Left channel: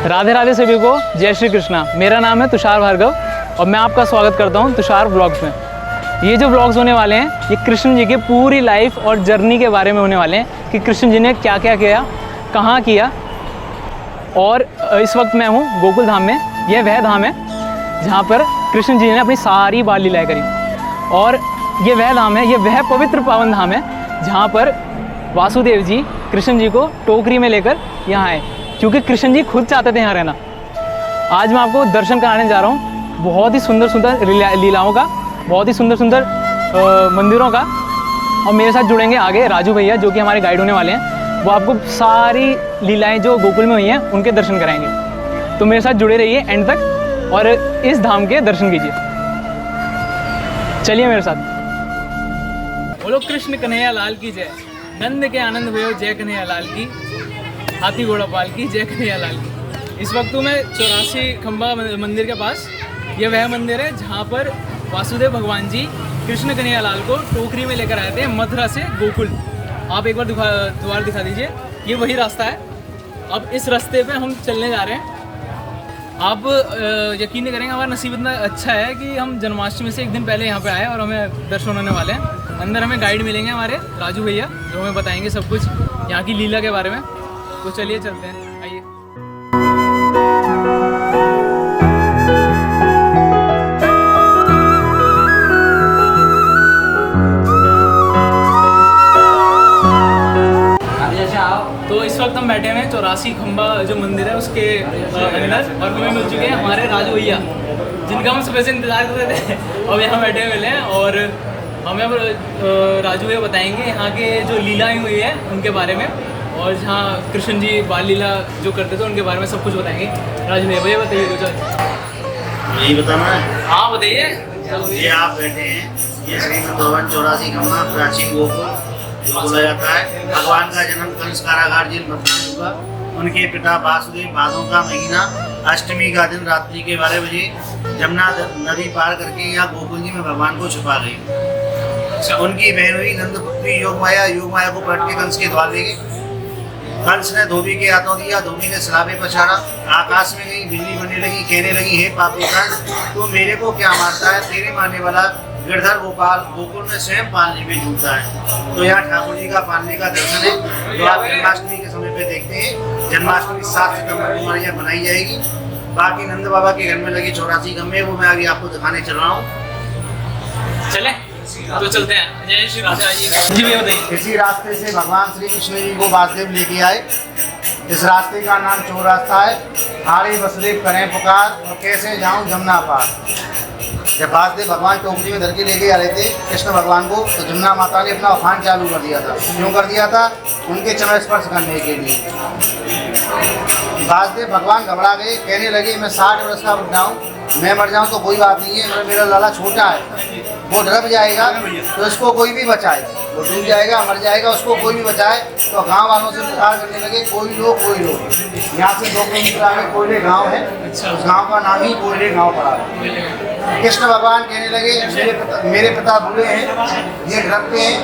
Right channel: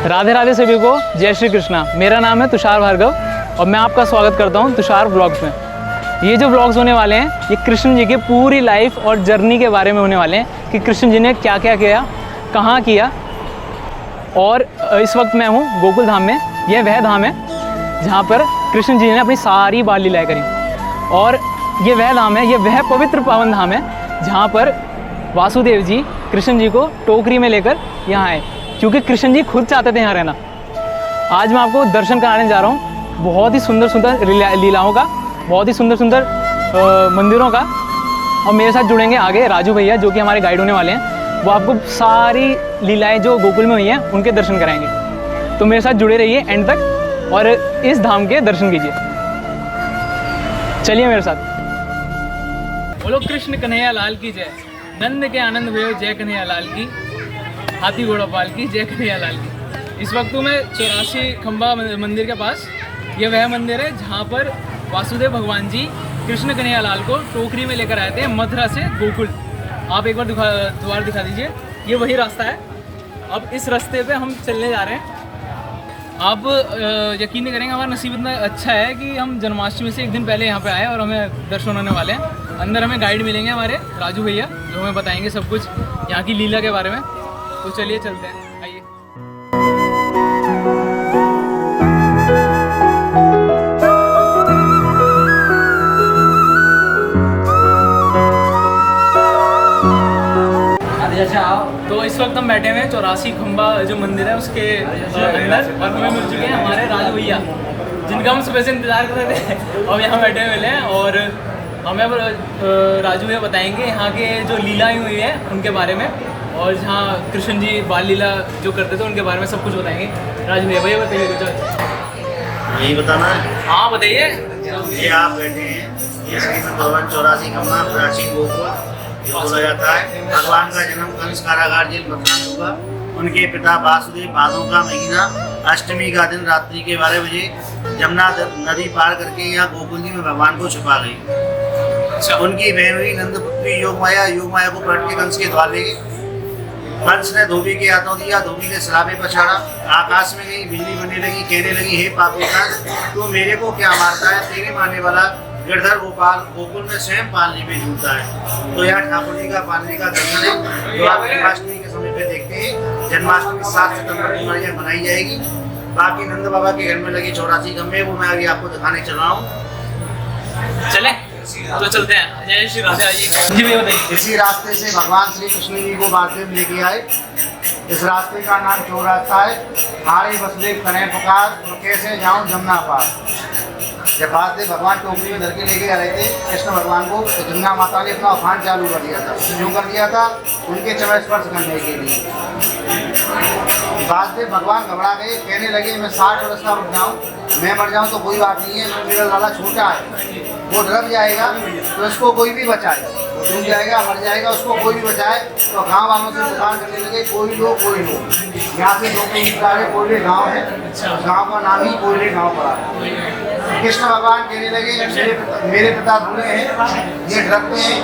राधे राधे सभी को, जय श्री कृष्णा। मेरा नाम है तुषार भार्गव और मैं आपका स्वागत करता हूं तुषार व्लॉग्स में। ये जो व्लॉग्स होने वाले हैं ये कृष्ण जी की पूरी लाइफ और जर्नी के बारे में होने वाले हैं कि कृष्ण जी ने क्या क्या किया, कहाँ किया। और इस वक्त मैं हूँ गोकुल धाम में। यह वह धाम है जहाँ पर कृष्ण जी ने अपनी सारी बाल लीलाएँ करी। और ये वह धाम है, ये वह पवित्र पावन धाम है जहाँ पर वासुदेव जी कृष्ण जी को टोकरी में लेकर यहाँ आए, क्योंकि कृष्ण जी खुद चाहते थे यहाँ रहना। आज मैं आपको दर्शन कराने जा रहा हूँ बहुत ही सुंदर सुंदर लीलाओं का, बहुत ही सुंदर सुंदर मंदिरों का। और मेरे साथ जुड़ेंगे आगे राजू भैया जो कि हमारे गाइड होने वाले हैं। वो आपको सारी लीलाएं जो गोकुल में हुई हैं उनके दर्शन कराएंगे। तो मेरे साथ जुड़े रहिए एंड तक और इस धाम के दर्शन कीजिए। चलिए मेरे साथ। बोलो कृष्ण कन्हैया लाल की जय। नंद के आनंद भयो जय कन्हैया लाल की। हाथी घोड़ा पाल की जय कन्हैया लाल की। इस वक्त मैं 84 खंबा मंदिर के पास, यह वह मंदिर है जहाँ पर वासुदेव भगवान जी कृष्ण कन्हैया लाल को टोकरी में लेकर आए थे मथुरा से गोकुल। आप एक बार द्वार दिखा दीजिए, ये वही रास्ता है। अब इस रास्ते पे हम चलने जा रहे हैं। आप यकीन नहीं करेंगे, हमारा नसीब इतना अच्छा है कि हम जन्माष्टमी से एक दिन पहले यहाँ पे आए और हमें दर्शन होने वाले हैं। अंदर हमें गाइड मिलेंगे हमारे राजू भैया जो हमें बताएंगे सब कुछ यहाँ की लीला के बारे में। तो चलिए चलते हैं, आइए। तो इस वक्त हम बैठे हुए हैं 84 खंबा जो मंदिर है उसके अंदर, और हमें मिल चुके हैं हमारे राजू भैया जिनका हम सुबह से इंतजार कर रहे थे। अब यहाँ बैठे हुए मिले हैं और हमें अब राजू भैया बताएंगे यहाँ के जो लीलाएं हुई है उनके बारे में, और जहाँ कृष्ण जी बाल लीला जो करते थे उनके बारे में सब कुछ बताएंगे। राजू भैया बताइए कुछ। यही बताना है? हाँ बताइए। ये आप बैठे हैं, ये श्रीमद् भगवान 84 खंबा प्राचीन गोकुल बोला जाता है। भगवान का जन्म कंस कारागार जेल मथुरा में हुआ। उनके पिता वासुदेव भादों का महीना अष्टमी का दिन रात्रि के 12 बजे जमुना नदी पार करके यहाँ गोकुल जी में भगवान को छुपा गई। उनकी बहन हुई नंदपुत्री योगमाया, योगमाया को पलट के कंस के द्वार ले गई। कंस ने धोबी के हाथों दिया, धोबी ने सलाबे पछाड़ा, आकाश में गई, बिजली बनने लगी, कहने लगी हे पापी कंस तू मेरे को क्या मारता है, तेरे मारने वाला गिरधर गोपाल गोकुल में स्वयं पालने में झूलता है। तो यहाँ ठाकुर जी का पालने का दर्शन है जो आप जन्माष्टमी के समय पे देखते हैं। जन्माष्टमी 7 सितंबर को हमारे यहाँ बनाई जाएगी। बाकी नंद बाबा के घर में लगी 84 खंबे, वो मैं अभी आपको दिखाने चल रहा हूँ। चले तो चलते हैं। जय श्री राधे। इसी रास्ते से भगवान श्री कृष्ण जी को वासुदेव लेके आए। इस रास्ते का नाम चोर रास्ता है। हारे वसुदेव करें पुकार, कैसे जाऊं जमुना पार। जब वासुदेव भगवान टोकरी में धर के लेके आ रहे थे कृष्ण भगवान को, तो जमुना माता ने अपना उफान चालू कर दिया था। क्यों कर दिया था? उनके चरण स्पर्श करने के लिए। वासुदेव भगवान घबरा गए, कहने लगे मैं 60 वर्ष का बुढ़ा हूँ, मैं मर जाऊँ तो कोई बात नहीं है, मेरा लाला छोटा है, वो ढल जाएगा तो इसको कोई भी बचाए, वो डूब जाएगा मर जाएगा, उसको कोई भी बचाए। तो गाँव वालों से इंतजार करने लगे, कोई लोग कोई लोग। यहाँ से 2 किलोमीटर आगे कोयले गाँव है, उस गाँव का नाम ही कोयले गाँव पड़ा है। कृष्ण भगवान कहने लगे मेरे पिता बूढ़े हैं, ये ढलते हैं,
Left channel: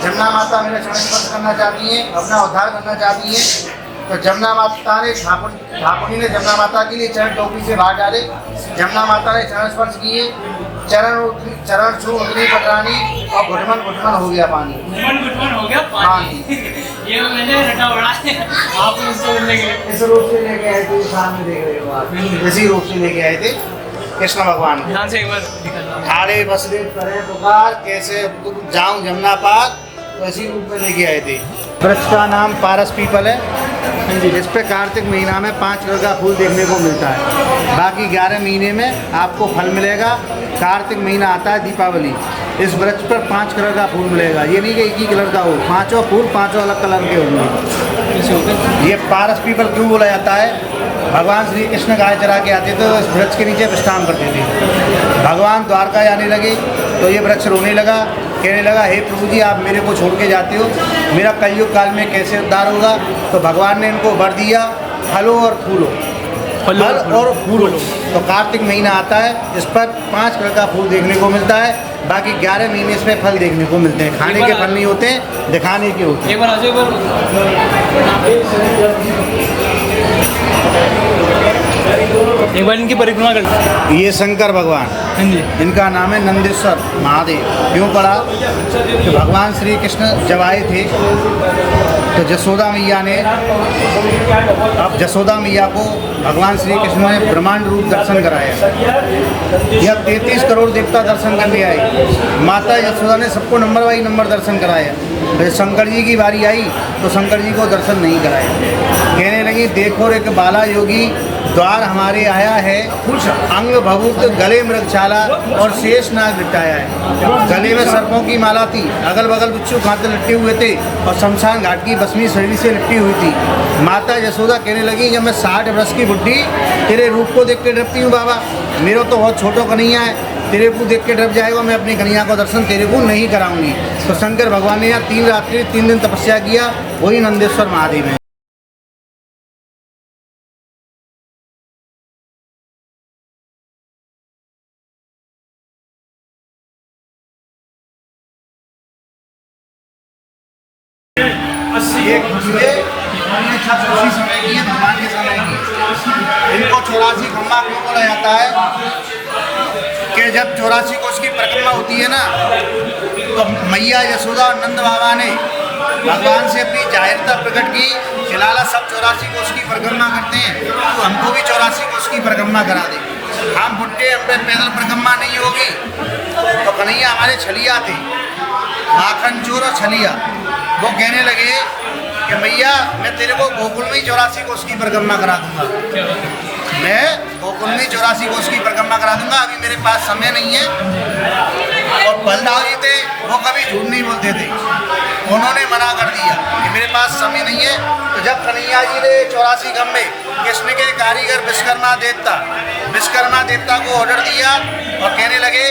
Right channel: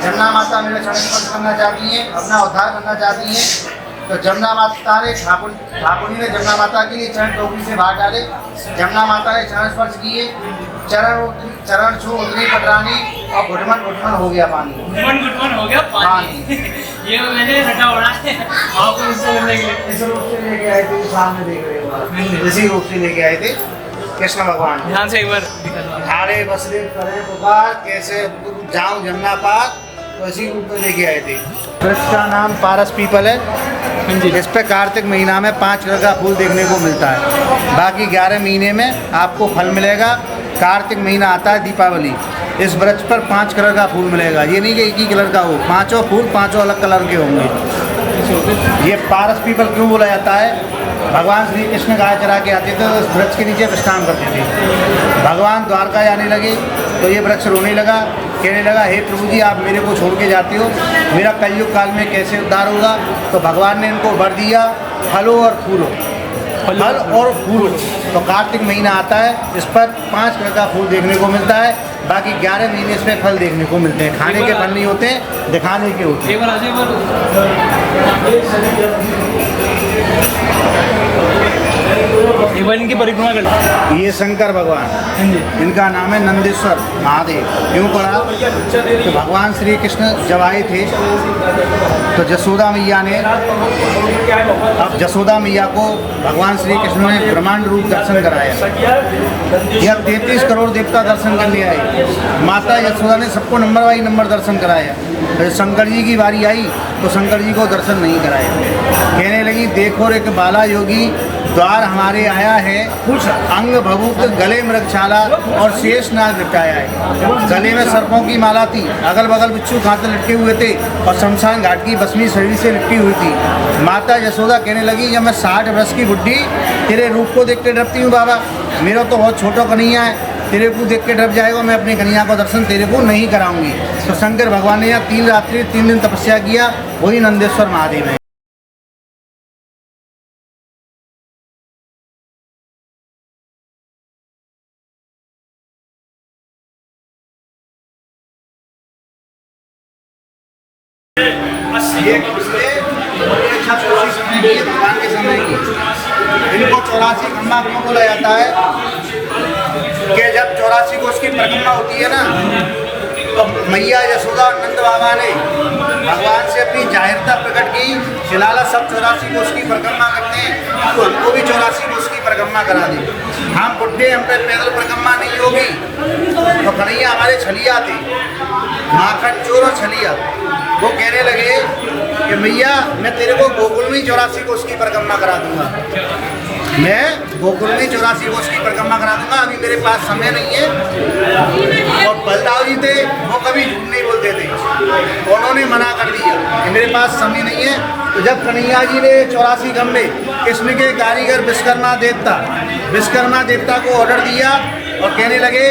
जमुना माता मेरा चरण स्पर्श करना चाहती हैं, अपना उद्धार करना चाहती हैं। तो जमुना माता ने ठाकुर ने जमुना माता के लिए चरण टोकरी से बाहर डाले। जमुना माता ने चरण स्पर्श किए, चरण छू उतनी पटरानी और घुटमन हो गया पानी। घुटमन हो गया पानी। ये मैंने रटा उड़ा है। आप इस रूप से लेके आए थे, सामने देख रहे हो आप, इसी रूप से लेके आए थे कृष्ण भगवान। ध्यान से एक बार। हारे वसुदेव करें पुकार, कैसे जाऊं जमुना पार, तो इसी रूप में लेके आए थे। वृक्ष का नाम पारस पीपल है। इस पे कार्तिक महीना में 5 कलर का फूल देखने को मिलता है। बाकी 11 महीने में आपको फल मिलेगा। कार्तिक महीना आता है दीपावली, इस वृक्ष पर 5 कलर का फूल मिलेगा। ये नहीं कि एक ही कलर का हो, 5 फूल 5 अलग कलर के होंगे। ये पारस पीपल क्यों बोला जाता है? भगवान श्री कृष्ण गाय चरा के आते थे तो इस वृक्ष के नीचे विश्राम करते थे। भगवान द्वारका जाने लगे तो ये वृक्ष रोने लगा, कहने लगा हे प्रभु जी आप मेरे को छोड़ के जाते हो, मेरा कलयुग काल में कैसे उद्धार होगा। तो भगवान ने इनको वर दिया फलों और फूलों, फल और फूलों। तो कार्तिक महीना आता है, इस पर 5 कलर का फूल देखने को मिलता है। बाकी 11 महीने इस पर फल देखने को मिलते हैं। खाने के फल नहीं होते, दिखाने के होते हैं। एक बार इनकी परिक्रमा कर लो। ये शंकर भगवान, हाँ जी। इनका नाम है नंदेश्वर महादेव। क्यों पड़ा कि भगवान श्री कृष्ण जब आए थे तो जसोदा मैया ने, अब जसोदा मैया को भगवान श्री कृष्ण ने ब्रह्मांड रूप दर्शन कराया। यह 33 करोड़ देवता दर्शन करने आए। माता यशोदा ने सबको नंबर बाई नंबर दर्शन कराया। फिर शंकर जी की बारी आई तो शंकर जी को दर्शन नहीं कराया। कहने लगी देखो रे बाला योगी द्वार हमारे आया है, अंग भभूत गले मृगशाला और शेष नाग लिटाया है। गले में सर्पों की माला थी, अगल बगल बिच्छू खाते लटके हुए थे और शमशान घाट की भस्मी शरीर से लिपटी हुई थी। माता यशोदा कहने लगी जब मैं 60 वर्ष की बुढ़ी तेरे रूप को देख के डरती हूँ बाबा, मेरा तो बहुत छोटा कन्हैया है, तेरे को देख के डर जाएगा, मैं अपनी कन्हैया को दर्शन तेरे को नहीं कराऊंगी। तो शंकर भगवान ने यहाँ 3 रात्रि 3 दिन तपस्या किया, वही नंदेश्वर महादेव है। ये खुशबे और ये छत उसी समय की है, भगवान के समय की। इनको 84 खम्बा क्यों बोला जाता है कि जब 84 कोष की परिक्रमा होती है ना, तो मैया यशोदा और नंद बाबा ने भगवान से अपनी जाहिरता प्रकट की, फिलहाल सब 84 कोष की परिक्रमा करते हैं तो हमको भी 84 कोष की परिक्रमा करा दी। हम बुढ़े, हम पे पैदल परिक्रमा नहीं होगी। तो कन्हैया हमारे छलिया थे, माखन चोर और छलिया, वो कहने लगे कि भैया मैं तेरे को गोकुल में 84 कोष की परिक्रमा करा दूंगा, मैं गोकुल में 84 कोष की परिक्रमा करा दूंगा, अभी मेरे पास समय नहीं है। और बलदाव जी थे, वो कभी झूठ नहीं बोलते थे, उन्होंने मना कर दिया कि मेरे पास समय नहीं है। तो जब कन्हैया जी ने 84 खम्बे कृष्ण के कारीगर विश्वकर्मा देवता को ऑर्डर दिया और कहने लगे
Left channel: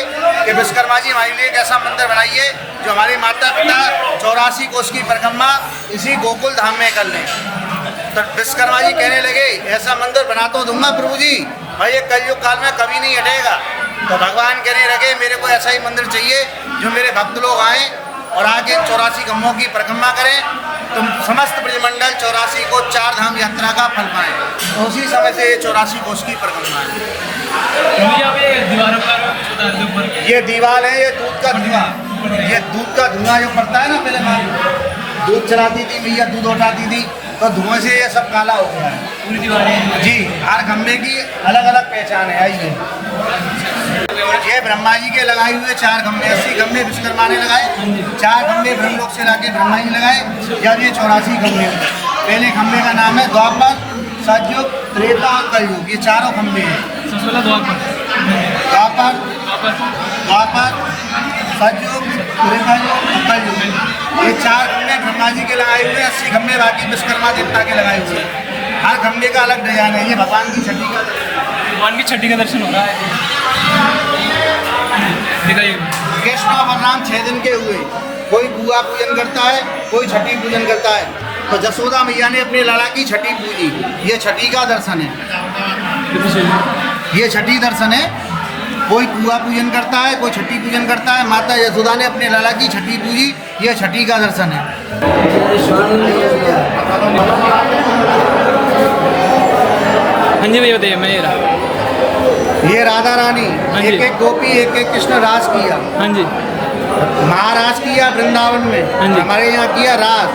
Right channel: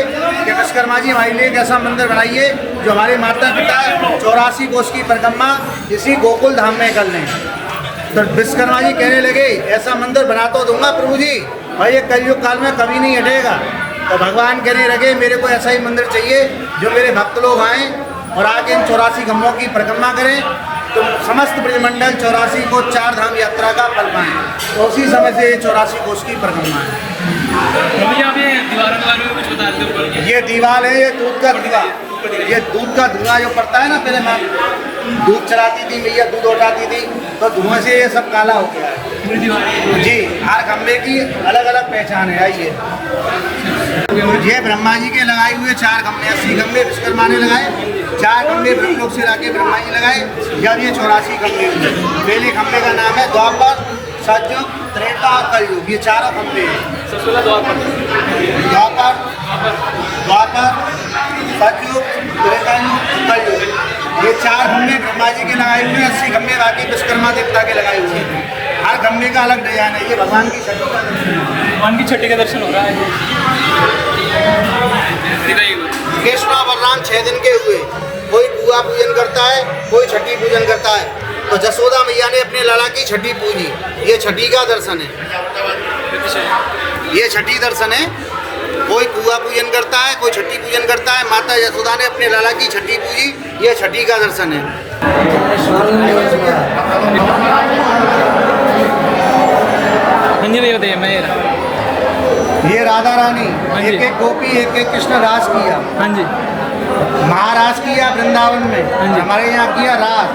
कि विश्वकर्मा जी हमारे लिए एक ऐसा मंदिर बनाइए जो हमारे माता पिता 84 कोष की परिक्रमा इसी गोकुल धाम में कर लें। तो विश्वकर्मा जी कहने लगे ऐसा मंदिर बना तो दूंगा प्रभु जी, और ये कलयुग काल में कभी नहीं हटेगा। तो भगवान कहने लगे मेरे को ऐसा ही मंदिर चाहिए जो मेरे भक्त लोग आएँ और आगे इन 84 खम्भों की परिक्रमा करें, तो समस्त ब्रह्मंडल 84 को 4 धाम यात्रा का फल पाएँ। तो उसी समय से 84 कोष की परिक्रमा है। ये दीवार है, ये दूध का धुआं, ये दूध का धुआं जो पड़ता है ना, पहले माँ दूध चलाती थी मैया, दूध उठाती थी, तो धुएं से ये सब काला हो गया है पूरी दीवार जी। हर खम्भे की अलग अलग पहचान है। आइए, ये ब्रह्मा जी के लगाए हुए 4 खम्भे, 80 खम्भे विश्वकर्मा ने लगाए, 4 खम्भे ब्रह्मलोक से लाके ब्रह्मा जी लगाए। जब ये 84 खम्भे हुए, पहले खम्भे का नाम है द्वापर, सतयुग, त्रेता और कलयुग, ये चारों खम्भे हैं। द्वापर, सतयुग, त्रेतायुग, कलयुग, ये 4 खम्भे ब्रह्मा जी के लगाए हुए हैं, 80 खम्भे बाकी विश्वकर्मा देवता के लगाए हुए हैं। हर खम्भे का अलग डिजाइन है। ये भगवान की छठी का दर्शन है, भगवान की छठी का दर्शन हो रहा है। कृष्ण और बलराम 6 दिन के हुए, कोई गुआ पूजन करता है, कोई छठी पूजन करता है। तो जसोदा मैया ने अपने लाला की छठी पूजी, ये छठी का दर्शन है, ये छठी दर्शन है। कोई कुआ पूजन करता है, कोई छठी पूजन करता है। माता यशोदा ने अपने लाला की छठी पूजी, ये छठी का दर्शन है। हाँ जी भैया बताइए। मैं ये राधा रानी, एक एक गोपी एक एक कृष्ण रास किया। हाँ जी, महाराज किया वृंदावन में, हमारे यहाँ किया रास।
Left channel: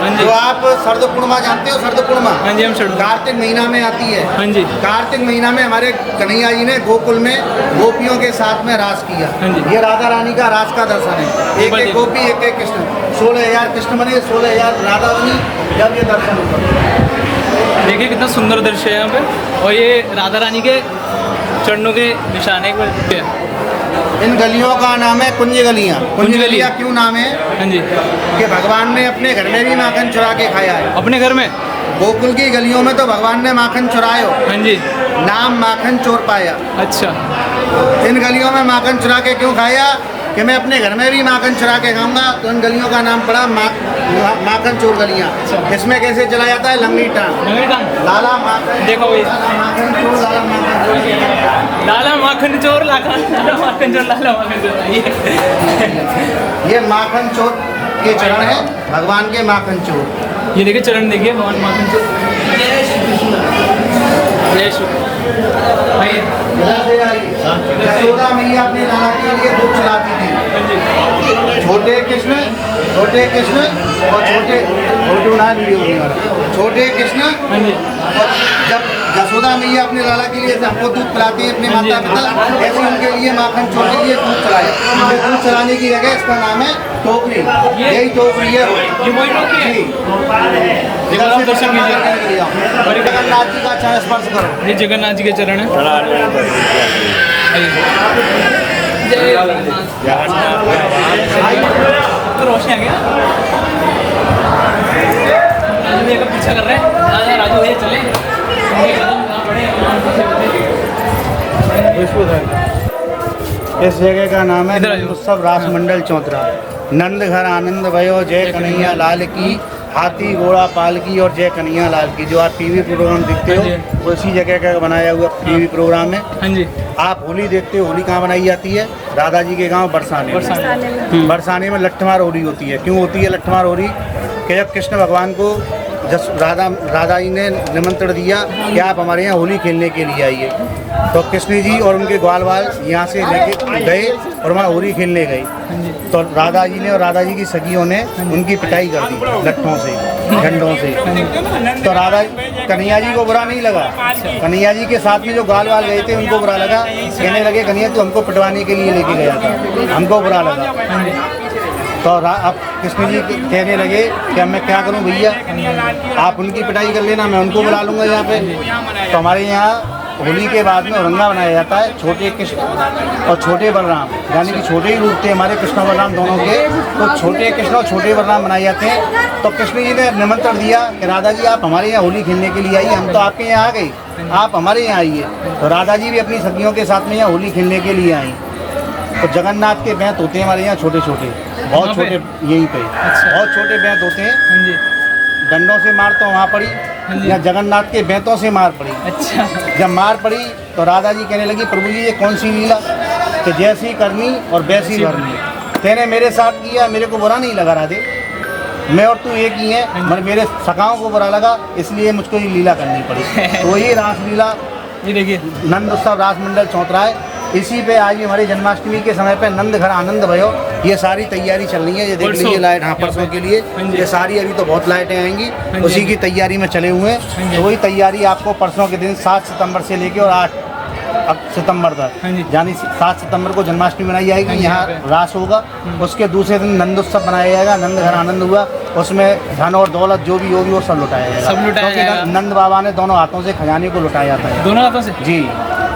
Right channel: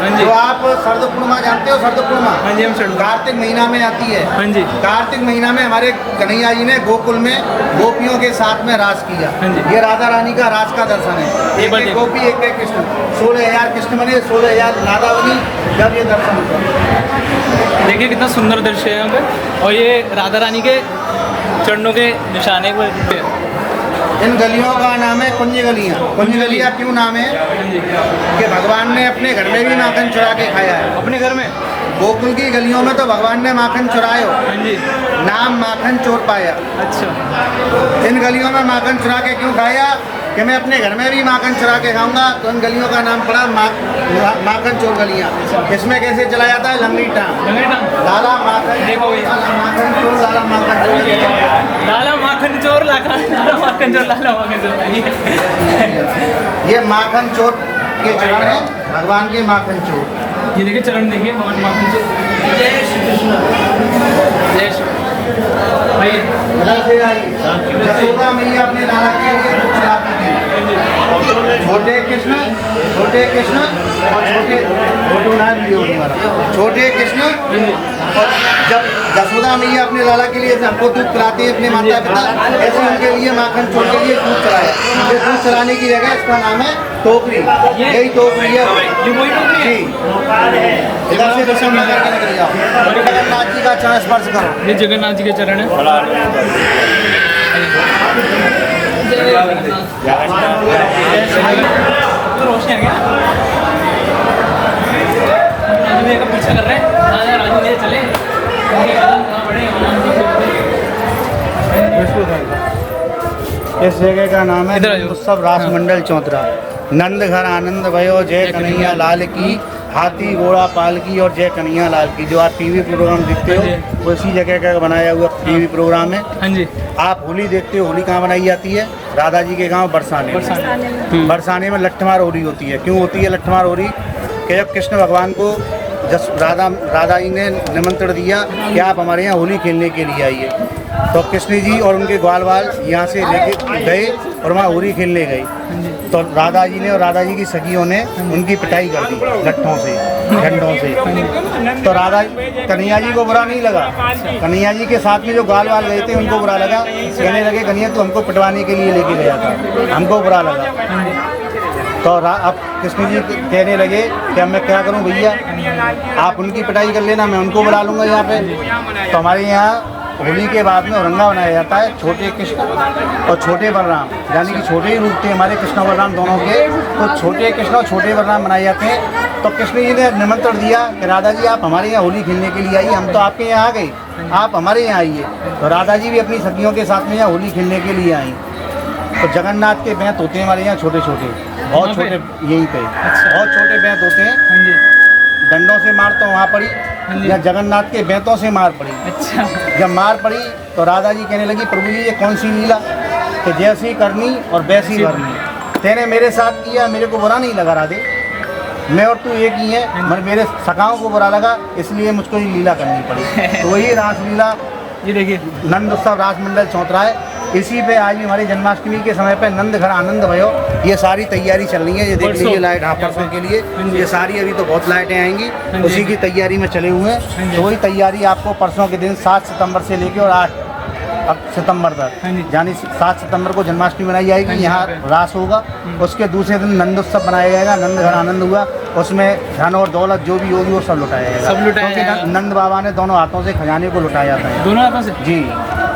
हाँ जी, तो आप शरद पूर्णिमा जानते हो? शरद पूर्णिमा, हाँ जी, हम शरद कार्तिक महीना में आती है। हाँ जी, कार्तिक महीना में हमारे कन्हैया जी ने गोकुल में गोपियों के साथ में रास किया। हाँ जी, ये राधा रानी का रास का दर्शन है। एक एक गोपी एक एक कृष्ण, 16,000 कृष्ण बने, 16,000 राधा बनी जब ये दर्शन हुआ। देखिए कितना सुंदर दृश्य है यहाँ पे, और ये राधा रानी के चरणों के निशान है। एक बार इन गलियों का नाम है कुंज गलियाँ। कुंज गलियाँ क्यों नाम है? हाँ जी, कि भगवान ने अपने घर में भी माखन चुरा के खाया है। अपने घर में गोकुल की गलियों में तो भगवान ने माखन चुरायो, हाँ जी, नाम माखन चोर पाया। अच्छा, इन गलियों में माखन चुरा के क्यों खाया कि मैं अपने घर में भी माखन चुरा के खाऊंगा, तो इन गलियों का नाम पड़ा माखन चोर गलियाँ। इसमें कैसे चला जाता है? लंबी टांग, लाला माखन, देखो ये माखन चोर, लाला माखन चोर, लाला माखन चोर, लाला माखन चोर, लाला माखन चोर। ये माखन चोर के चरण है, भगवान के माखन चोर। ये देखिए चरण देखिए, भगवान माखन चोर। जय श्री कृष्ण, जय श्री। जसोदा मैया अपने लाला के लिए दूध चलाती थी। छोटे कृष्ण और छोटे कृष्ण, और जब जसोदा मैया अपने लाला के लिए सबको दूध पिलाती है अपने माता पिता, ऐसे उनके लिए माखन चोर के लिए दूध चलाया। ये दूध चलाने की जगह इसका नाम है टोकरी। यही टोकरी है जी। इधर से दर्शन जगन्नाथ जी का चरण स्पर्श करो। ये जगन्नाथ जी के चरण है। तो रोशनी आ गया, राजू भैया का पीछा कर रहे हैं। राजू भैया चले, उनके कदम कहाँ पड़े। इस जगह का नाम है उत्सव रास मंडल चौतरा। नंद घर आनंद भयो, जय कन्हैया लाल की, हाथी घोड़ा पाल की और जय कन्हैया लाल की। जो आप टीवी प्रोग्राम देखते हो वो इसी जगह का बनाया हुआ टीवी प्रोग्राम है। हाँ जी। आप होली देखते हो, होली कहाँ बनाई जाती है? राधा जी के गांव बरसाने में। बरसाने में लट्ठमार होली होती है। क्यों होती है लट्ठमार होली? कि जब कृष्ण भगवान को राधा जी ने निमंत्रण दिया कि आप हमारे यहाँ होली खेलने के लिए आइए, तो कृष्ण जी और उनके ग्वाल वाल यहाँ से लेके गए और वहाँ होली खेलने गए। तो राधा जी ने और राधा जी की सखियों ने उनकी पिटाई कर दी लट्ठों से, डंडों से। तो राधा कन्हैया जी को बुरा नहीं लगा। कन्हैया जी के साथ में जो ग्वाल वाल गए थे उनको बुरा लगा। कहने लगे कन्हैया तू हमको पिटवाने के लिए लेके गया था, हमको बुरा लगा। तो अब कृष्ण जी कहने लगे कि अब मैं क्या करूं भैया, आप उनकी पिटाई कर लेना, मैं उनको बुला लूँगा यहाँ पे। तो हमारे यहाँ होली के बाद में औरंगा बनाया जाता है। छोटे कृष्ण और छोटे बलराम, यानी कि छोटे ही रूप थे हमारे कृष्ण और बलराम दोनों के, तो छोटे कृष्ण और छोटे बलराम बनाए जाते हैं। तो कृष्ण जी ने निमंत्रण दिया कि राधा जी आप हमारे यहाँ होली खेलने के लिए आइए, हम तो आपके यहाँ आ गए, आप हमारे यहाँ आइए। तो राधा जी भी अपनी सखियों के साथ में यहाँ होली खेलने के लिए आई। तो जगन्नाथ के बैंत होते हैं हमारे यहाँ छोटे छोटे, बहुत छोटे, यहीं पे बहुत छोटे बैंत होते हैं। डंडों से मार तो वहाँ पड़ी, या जगन्नाथ के बैंतों से मार पड़ी। अच्छा। जब मार पड़ी तो राधा जी कहने लगी प्रभु जी ये कौन सी लीला, कि जैसी करनी और वैसी भरनी। तेने मेरे साथ किया, मेरे को बुरा नहीं लगा राधे, मैं और तू एक ही है, मगर मेरे सखाओं को बुरा लगा, इसलिए मुझको ये लीला करनी पड़ी। तो वही रासलीला, ये देखिए नंद उत्सव रास मंडल चौतरा है। इसी पे आज भी हमारी जन्माष्टमी के समय पे नंद घर आनंद भयो, ये सारी तैयारी चल रही है। ये देख लीजिए लाइट, हाँ परसों के लिए ये सारी, अभी तो बहुत लाइटें आएंगी, उसी की तैयारी में चले हुए हैं। तो वही तैयारी आपको परसों के दिन 7 सितंबर से लेके और 8 सितंबर तक, यानी 7 सितंबर को जन्माष्टमी मनाई जाएगी, यहाँ रास होगा। उसके दूसरे दिन नंद उत्सव बनाया जाएगा, नंद घर आनंद हुआ, उसमें धन और दौलत जो भी होगी वो सब लुटाया जाएगा। क्योंकि नंद बाबा ने दोनों हाथों से खजाने को लुटाया जाता है। दोनों हाथों से जी,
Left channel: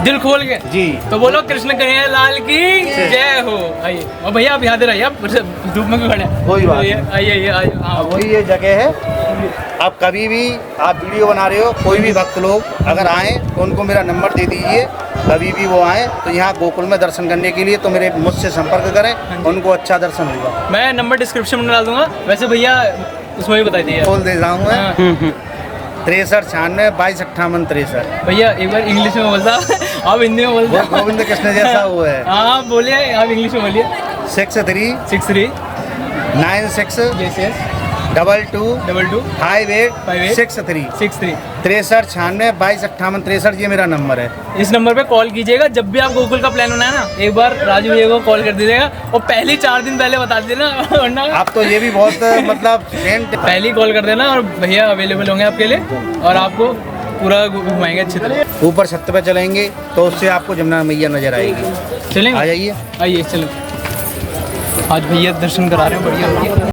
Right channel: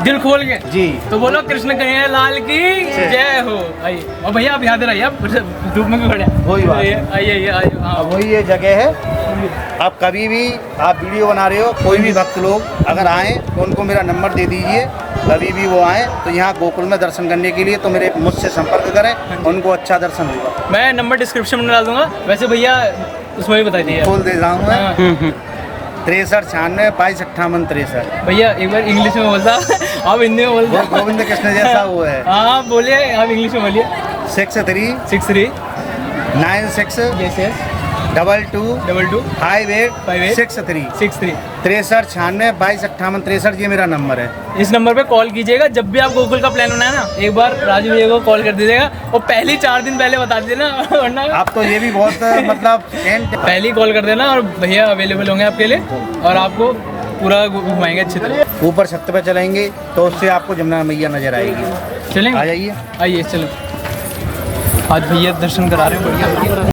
दिल खोल के जी। तो बोलो कृष्ण कन्हैया लाल की जय हो। आइए, और भैया आप याद रहिए, आप धूप में भी खड़े हैं। कोई बात नहीं। आइए। अब वही ये जगह है। आप कभी भी आप वीडियो बना रहे हो, कोई भी भक्त लोग अगर आएँ तो उनको मेरा नंबर दे दीजिए, कभी भी वो आएँ तो यहाँ गोकुल में दर्शन करने के लिए तो मेरे मुझसे संपर्क करें, उनको अच्छा दर्शन होगा। मैं नंबर डिस्क्रिप्शन में डाल दूंगा। वैसे भैया उसमें भी बता दीजिए। बोल दे जाऊँगा 63 96 22 58 63। भैया एक बार इंग्लिश में बोलता, आप हिंदी में बोलते। गोविंद कृष्ण जैसा वो है। हाँ बोलिए, आप इंग्लिश में बोलिए। 63 63 96 yes 22 22 58 58 63 63 63 96 22 58 63, ये मेरा नंबर है। इस नंबर पे कॉल कीजिएगा जब भी आप गोकुल का प्लान बनाए ना। एक बार राजू भैया को कॉल कर दीजिएगा और पहले 4 दिन पहले बता दीजिए ना, वरना आप तो ये भी बहुत मतलब पहले ही कॉल कर देना और भैया अवेलेबल होंगे आपके लिए और आपको पूरा घुमाएंगे अच्छी तरह। ऊपर छत पे चलेंगे तो उससे आपको जमुना मैया नजर आएगी। चलेंगे, आ जाइए। आइए चलो। आज भैया दर्शन करा रहे हैं, बढ़िया बढ़िया।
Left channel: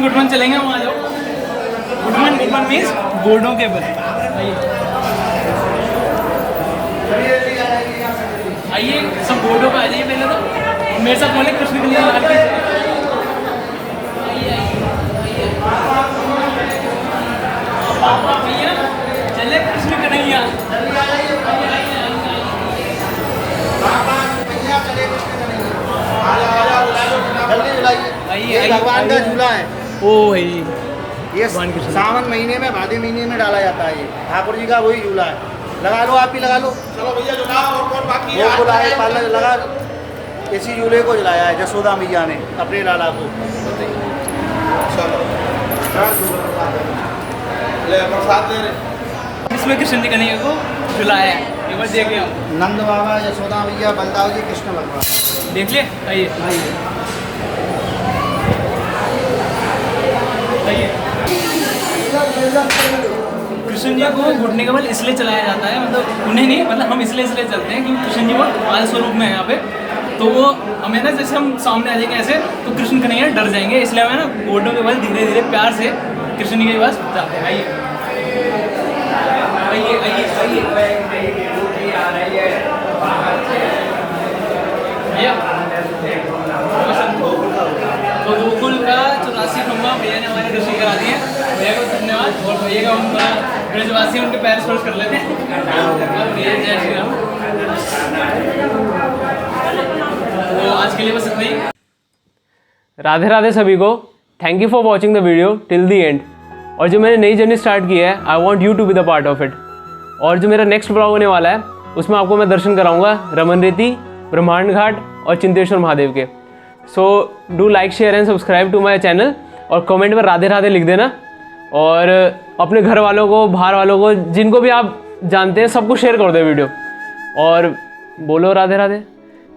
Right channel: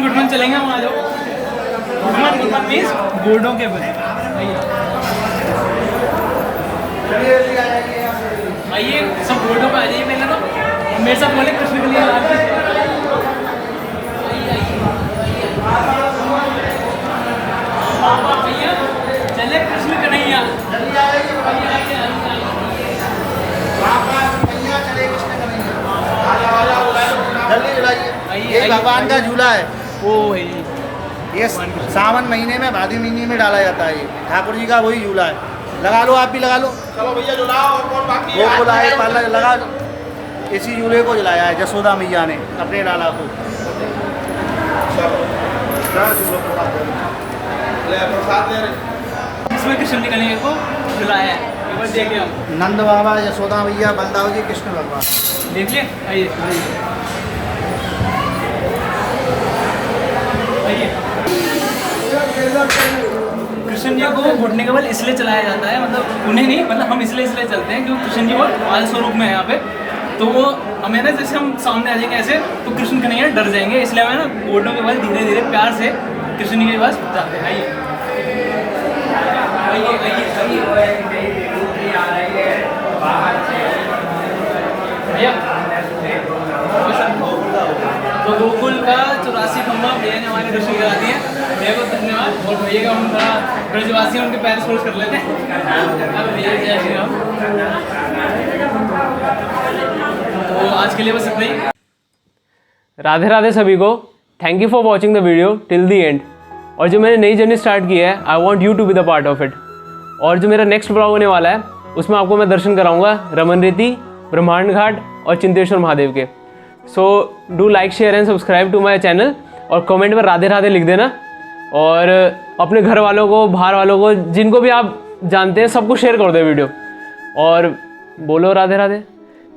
गुडमन चलेंगे वहाँ जाओ। गुडमन मीन्स बोर्डों के बल। आइए सब बोर्डों पे आ जाइए पहले तो, और मेरे साथ बोले कृष्ण कन्हैया लाल की। भैया चले कृष्ण कन्हैया। झूला ये भगवान का झूला है। ओ भाई ये सावन महीने में भादी महीने में डाला जाता है। ये ठाकुर जी का वही झूला है। लगा लो, आप भी लगा लो। चलो भैया झुलाओ और कौन बाकी वो झूला है पार्लर लगा। इसी झूले को झुलाया है जसोदा मैया ने अपने लाला को। इसमें कृष्ण जी कन्हैया को झुलाया है, एक बार देखिए आप। नंद बाबा, यशोदा मैया, बलदाव जी, कृष्ण भगवान। देखिए आइए आइए। कृष्ण जी को घुटने का बल इसलिए चलाया जाता है, मतलब उन्हें नहीं, मतलब हम इसलिए चलते हैं क्योंकि कृष्ण जी वो माल स्वरूप में है यहाँ पे। तो वो हमें ना, जैसे हम सामने आ जाएंगे ऐसे तो कृष्ण कन्हैया डर जाएंगे, इसलिए हमें ना घुटनों के बल धीरे धीरे प्यार से कृष्ण जी के पास जाते हैं। आइए आइए आइए भैया। तो गोकुल का 84 खंबा भैया ने हमारे दर्शन करा दिए हैं। भैया को धन्यवाद। और भैया का हम थोड़ा ब्रजवासी उनके पैर स्पर्श कर लेते हैं। अब भैया जय श्री राम। तो आज के लिए बस इतना ही। राधे राधे सभी को। Thank you for watching the video till the end. और जो मैंने नई जर्नी स्टार्ट की है, I want you to be the part of it. और जो मेरा नेक्स्ट ब्लॉग होने वाला है उसमें आपको मैं दर्शन कराऊंगा रमन रेती, ब्रह्मांड घाट और चिंतेश्वर महादेव के। So do like, share and subscribe to my channel. और कमेंट में राधे राधे लिख देना। और अपने घर वालों को, बाहर वालों को, जिनको भी आप जानते हैं सबको शेयर कर दो वीडियो। और बोलो राधे राधे,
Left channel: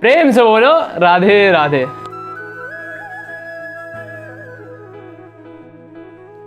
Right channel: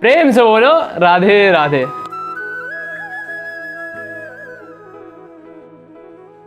प्रेम से बोलो राधे राधे।